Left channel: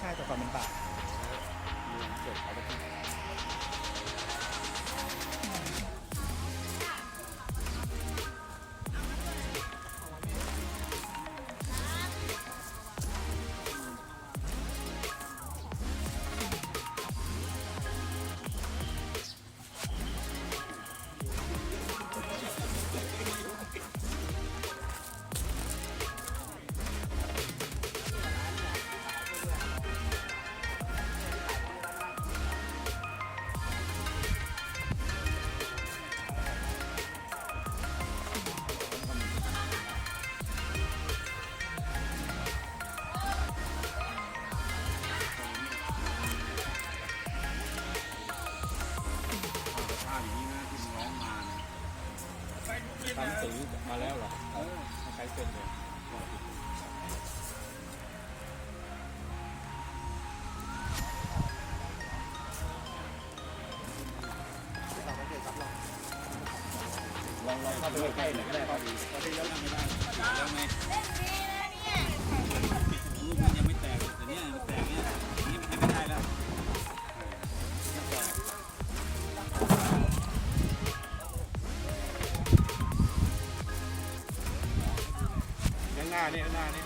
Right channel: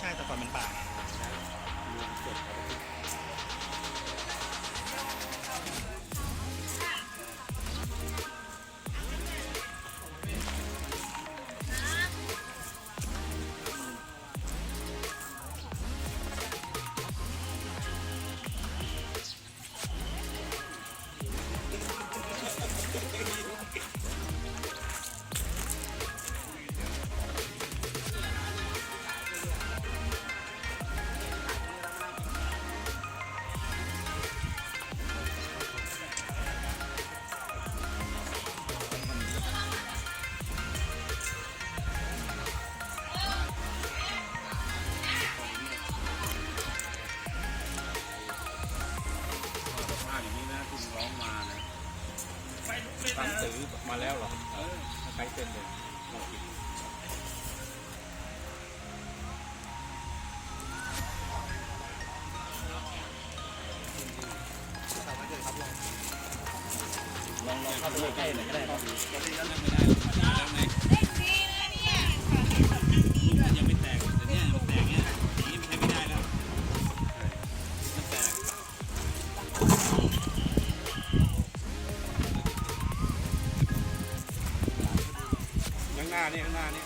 ใช่แต่ก่อนเป็นป่าเมืองเอาไปทิ้ง ตั้งสือมาแล้วเหรอใช้เป็นเลยลองคิดลองลองเข้าไปใกล้ๆหน่อยก็ได้ น้านี่ข้างหน้านี่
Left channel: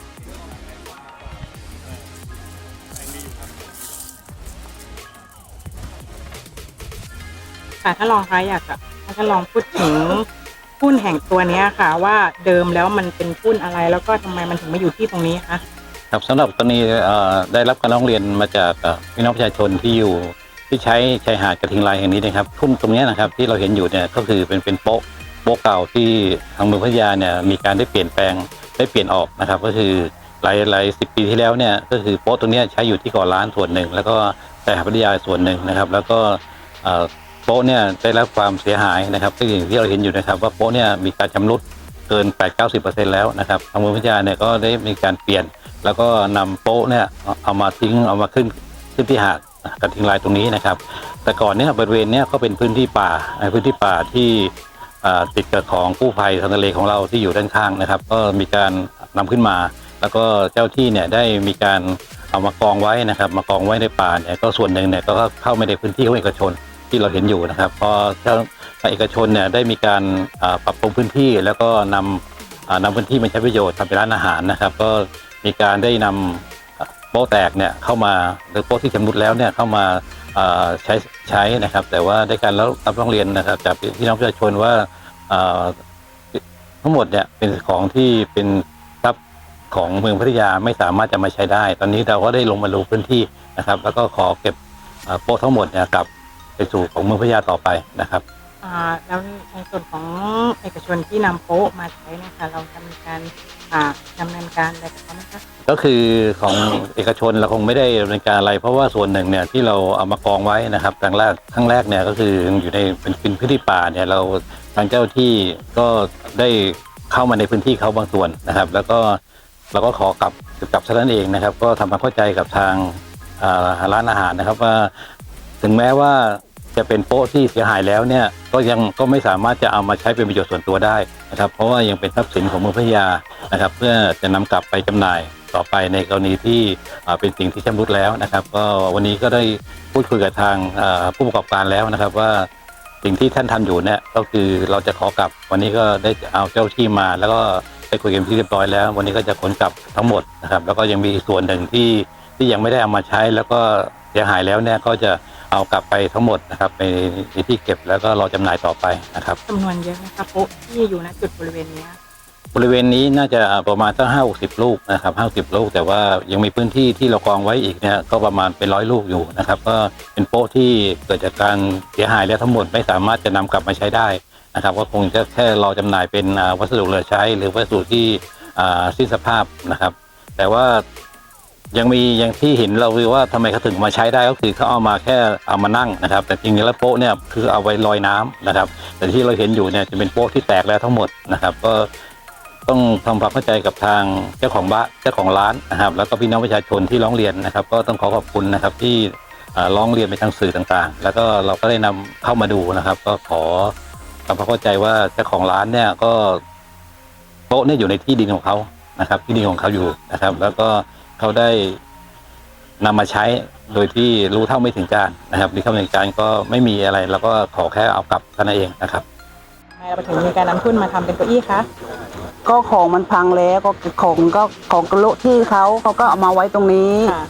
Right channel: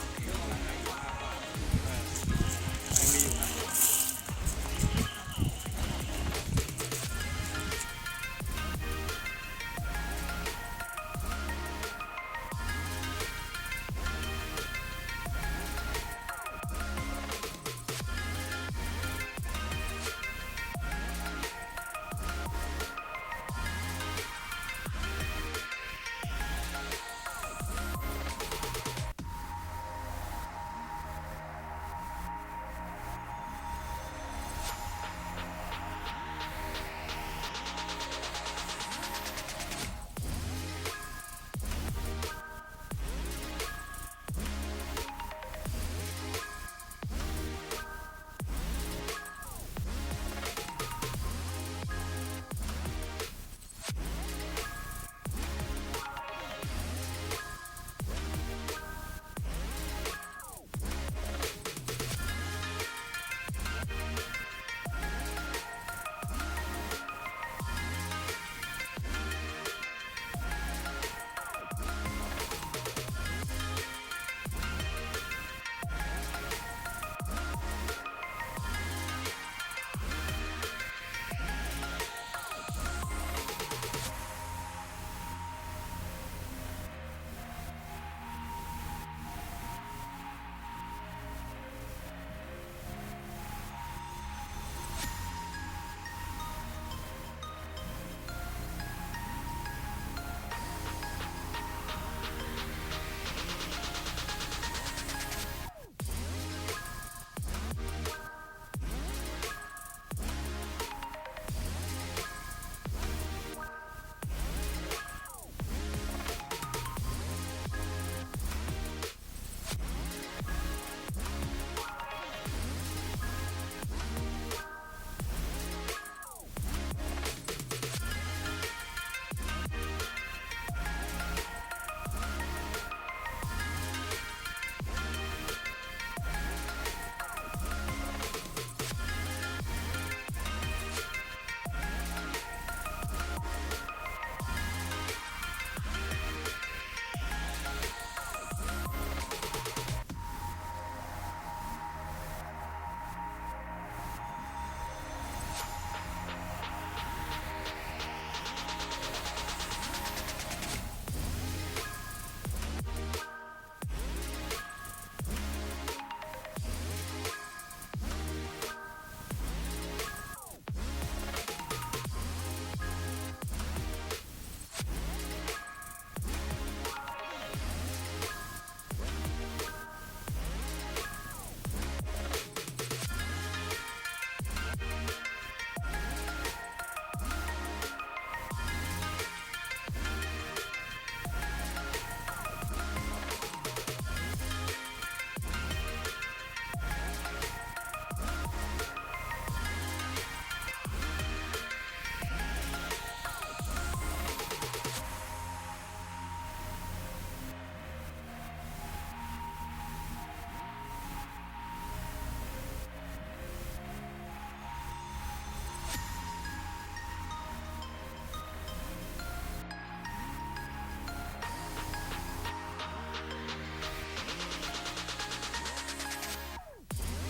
ยังมีอยู่ครับค่ะถ้าลองคะอยากจะถ้าลองพูดถึงหุ้นแห่งตัวเนี้ยค่ะ ว่าเดิมแล้วมันเป็นหุ้นอะไรแล้วก็ทำไมมันถึงมาอยู่ที่ตรงนี้คะครับสำหรับกรณีเอ่อได้รับการร้องเรียนมาจากเอ่อพี่น้องประชาชนที่อยู่ที่ใช้ชายหาดกระทิงลายแห่งนี้นะครับทุ่นตรงเนี้ยนะครับที่เราเห็นอยู่เนี่ยก็คือเป็นเป็นโป๊ะโป๊ะเก่าที่ทางเมืองพัทยาเนี่ยมีการได้เปลี่ยนแปลง ได้เปลี่ยนออกนะครับ ก็คือหลายหลายสิบปีที่แล้วเนี่ยก็คือโป๊ะตรงนี้ใช้อยู่ที่ก่อล้านส่วนหนึ่ง แล้วก็ชายหาดพัทยาส่วนหนึ่งนะครับ แล้วก็โป๊ะเนี่ยได้รับความเสียหายนะครับก็อย่างที่เราเห็นอยู่นะครับ ว่าโป๊ะเนี่ยมีการชำรุดเกิน 8-90%แล้วนะครับทางเมืองพัทยาเนี่ยก็ได้มีการเปลี่ยน แล้วก็นำโป๊ะเนี่ยเอามาทิ้งเอามาขึ้นขึ้นที่หาดกระทิงลายตรงนี้นะครับ แต่ก่อนเนี่ยบริเวณเนี้ยก็เป็นพื้นที่ป่าเอ่อพื้นที่ป่าที่ ติดกับของกู้ภัยทางทะเลของเราที่อยู่ด้านข้างนะครับ ก็มีการนำขึ้นมา แล้วก็เจ้าที่เนี่ยได้มีการเอามากองไว้นะครับ มากองไว้ในป่าเนี่ยก็ส่วนหนึ่งเนี่ยก็เข้าไม่ในพื้นที่ของเอกชนที่เราเห็นอยู่นะครับพอเจ้าเอกชนเนี่ยได้มีการปรับปรุงพื้นที่แล้วก็นำอ่านำพื้นที่มาใช้ประโยชน์ทำเป็นร้านอาหารนะครับ ก็มีการได้นำ โป๊ะแตกเนี่ยเข้ามาหรือโป๊ะที่ชำรุดแล้วเนี่ยเข้ามาใช้ใช้นะครับ แต่ว่าได้การรับร้องเรียนนะครับ จากพี่น้องประชาชนว่าทั้งหมดเนี่ยเป็นของที่เป็นทรัพย์ของเมืองพัทยาไม่สามารถจะมาใช้ได้ ตอนนี้เราก็ได้ลงมาลงพื้นที่นะครับ แล้วก็ขอเก็บโป๊ะทั้งหมดเนี่ยกลับไปสู่ของเมืองพัทยาต่อไปนะครับแล้วในส่วนของเอกชนที่นำโป๊ะมาใช้นะคะเราทำการดำเนินการอะไรแบบนั้นนะคะ ก็คือของเอกชนเราคงไม่ได้ดำเนินการอะไร เพราะว่าส่วนหนึ่งเนี่ยที่เราเอามากองไว้นะครับครั้งแรกครั้งแรกเนี่ยก็คืออยู่ในเป็นพื้นที่ป่าเนี่ยเราทางเจ้าที่ก็ได้เข้ามาในพื้นที่เขาบางส่วนนะครับ แล้วก็เราก็ขอกลับกลับเท่านั้นเองนะครับ ก็ทำความเข้าใจกับทางอ่าร้านอาหารนะครับว่า ถึงแม้ว่าจะเป็นโป๊ะที่เสียหายแล้วเนี่ยก็ยังก็ไม่สามารถจะเอามาใช้เป็นประโยชน์ส่วนตัวได้นะครับ เพราะว่ายังเป็นทรัพย์สินของเมืองพัทยานะครับ เพื่อจะนำกลับไปจำหน่าย ต่อไปในกรณีที่เป็นสิ่งที่ชำรุดแล้วนะครับ ก็วันนี้ก็ได้พูดคุยกับทางผู้ประกอบการแล้วนะครับว่าสิ่งที่ท่านทำอยู่เนี่ยก็คือเราจะขอกลับวันนี้ก็ได้เอาเจ้าที่มา แล้วก็ได้คุยกันที่เรียบร้อยแล้ว วันนี้ก็จะขนกลับทั้งหมดนะครับแล้วก็ยังมีส่วนหนึ่งที่ที่ยังไม่ได้เอามาใช้ แล้วก็เสียหายแล้วเนี่ยก็จะเอากลับไปทั้งหมดนะครับในที่เก็บแล้วก็รอจำหน่ายต่อไปนะครับจำนวนเยอะนะคะโป๊ะที่อยู่ณจุดบริเวณนี้ บริเวณนี้น่าจะประมาณตั้งห้าสิบลูกนะครับห้าสิบลูก แต่ว่ายังมีพื้นที่ที่เรากองไว้อีกเนี่ยก็ประมาณเป็นร้อยลูกอยู่นะครับก็เป็นโป๊ะที่เกิดจากการเสียหายแล้วทั้งหมดไม่สามารถจะนำกลับมาใช้ได้นะครับก็คงจะแค่รอจำหน่ายเป็นวัสดุเหลือใช้ หรือวัสดุที่สิ้นสภาพนะครับ แต่ว่ายังมีอย่างที่เห็นเราคือว่าทำไมเขาถึงมาใช้ได้ก็คือเขาเอามาแค่เอามานั่งนะครับ แต่จริงๆแล้วโป๊ะเนี่ยคือเอาไว้ลอยน้ำนะครับ แต่ที่เราเห็นอยู่เนี่ยจะเป็นโป๊ะที่แตกแล้วทั้งหมดนะครับ ก็ ต้องทำความเข้าใจกับทางเจ้าของบ้านเจ้าของร้านนะครับ แล้วก็พี่น้องประชาชนที่ร้องเรียนนะครับ ก็ต้องขอขอบคุณนะครับที่ร้องเรียนไปทางสื่อต่างๆ แล้วก็เราก็ได้นำเข้ามาดูนะครับ ก็ขอทำความเข้าใจว่าเจ้าของร้านเนี่ยก็โต๊ะเนี่ยอยู่ในที่ดินของเขานะครับ ที่ดินของเขาอยู่นะครับ แล้วก็เขาได้นำมาใช้โดยที่รู้เท่าไม่ถึงการนะครับรู้เท่าไม่ถึงการก็ไม่มีอะไรเราก็ขอแค่เอากลับเท่านั้นเองนะครับทำไมเราถึงมีการนำทุนมาทำเป็นเก้าอี้คะ ก็ของมันพังแล้วก็ของก็ของกระโละที่เขาเขาก็เอามาไว้ตรงนี้ ค่ะ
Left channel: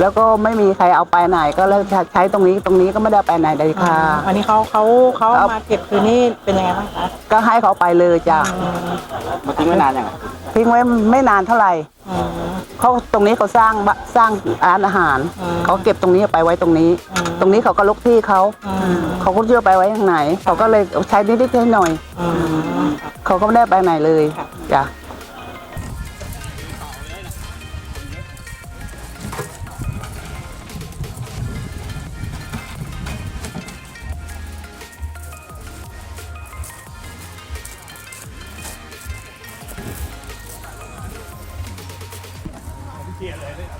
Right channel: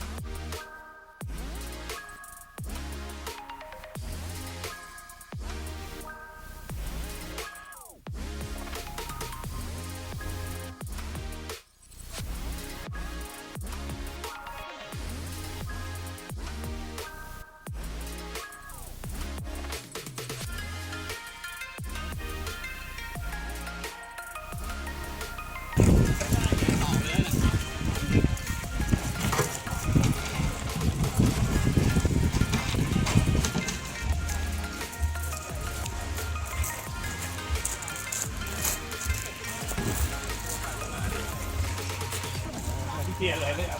แล้วก็ไม่มีใครเอาไปไหนก็เลยใช้ตรงนี้ตรงนี้ก็ไม่ได้เอาไปไหนเลยค่ะวันนี้เขาเขาเขาครับมาเก็บคืนนี่เป็นยังไงบ้างคะก็ให้เขาไปเลยจ้ะอืมมาทิ้งไว้นานยังทิ้งไว้ไม่นานเท่าไหร่ อืม เขาตรงนี้เขาสร้างบะสร้างร้านอาหารอืมเขาเก็บตรงนี้เอาไปไว้ตรงนี้อืมตรงนี้เขาก็ลกที่เขาอืมเขาก็เชื่อไปไว้ทางไหน เขาก็เลยใช้นิดๆหน่อยอืมๆเขาก็ไม่ได้ไปไหนเลยค่ะ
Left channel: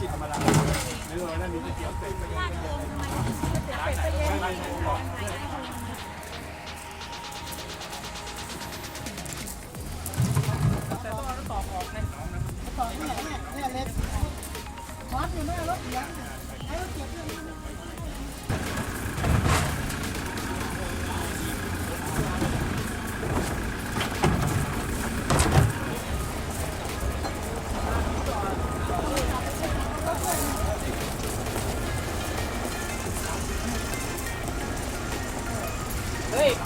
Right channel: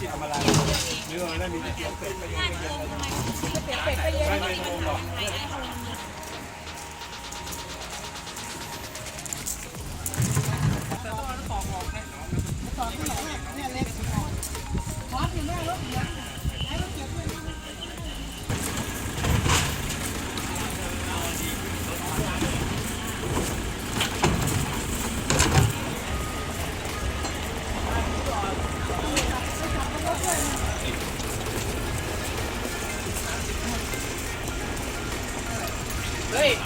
จ้ะ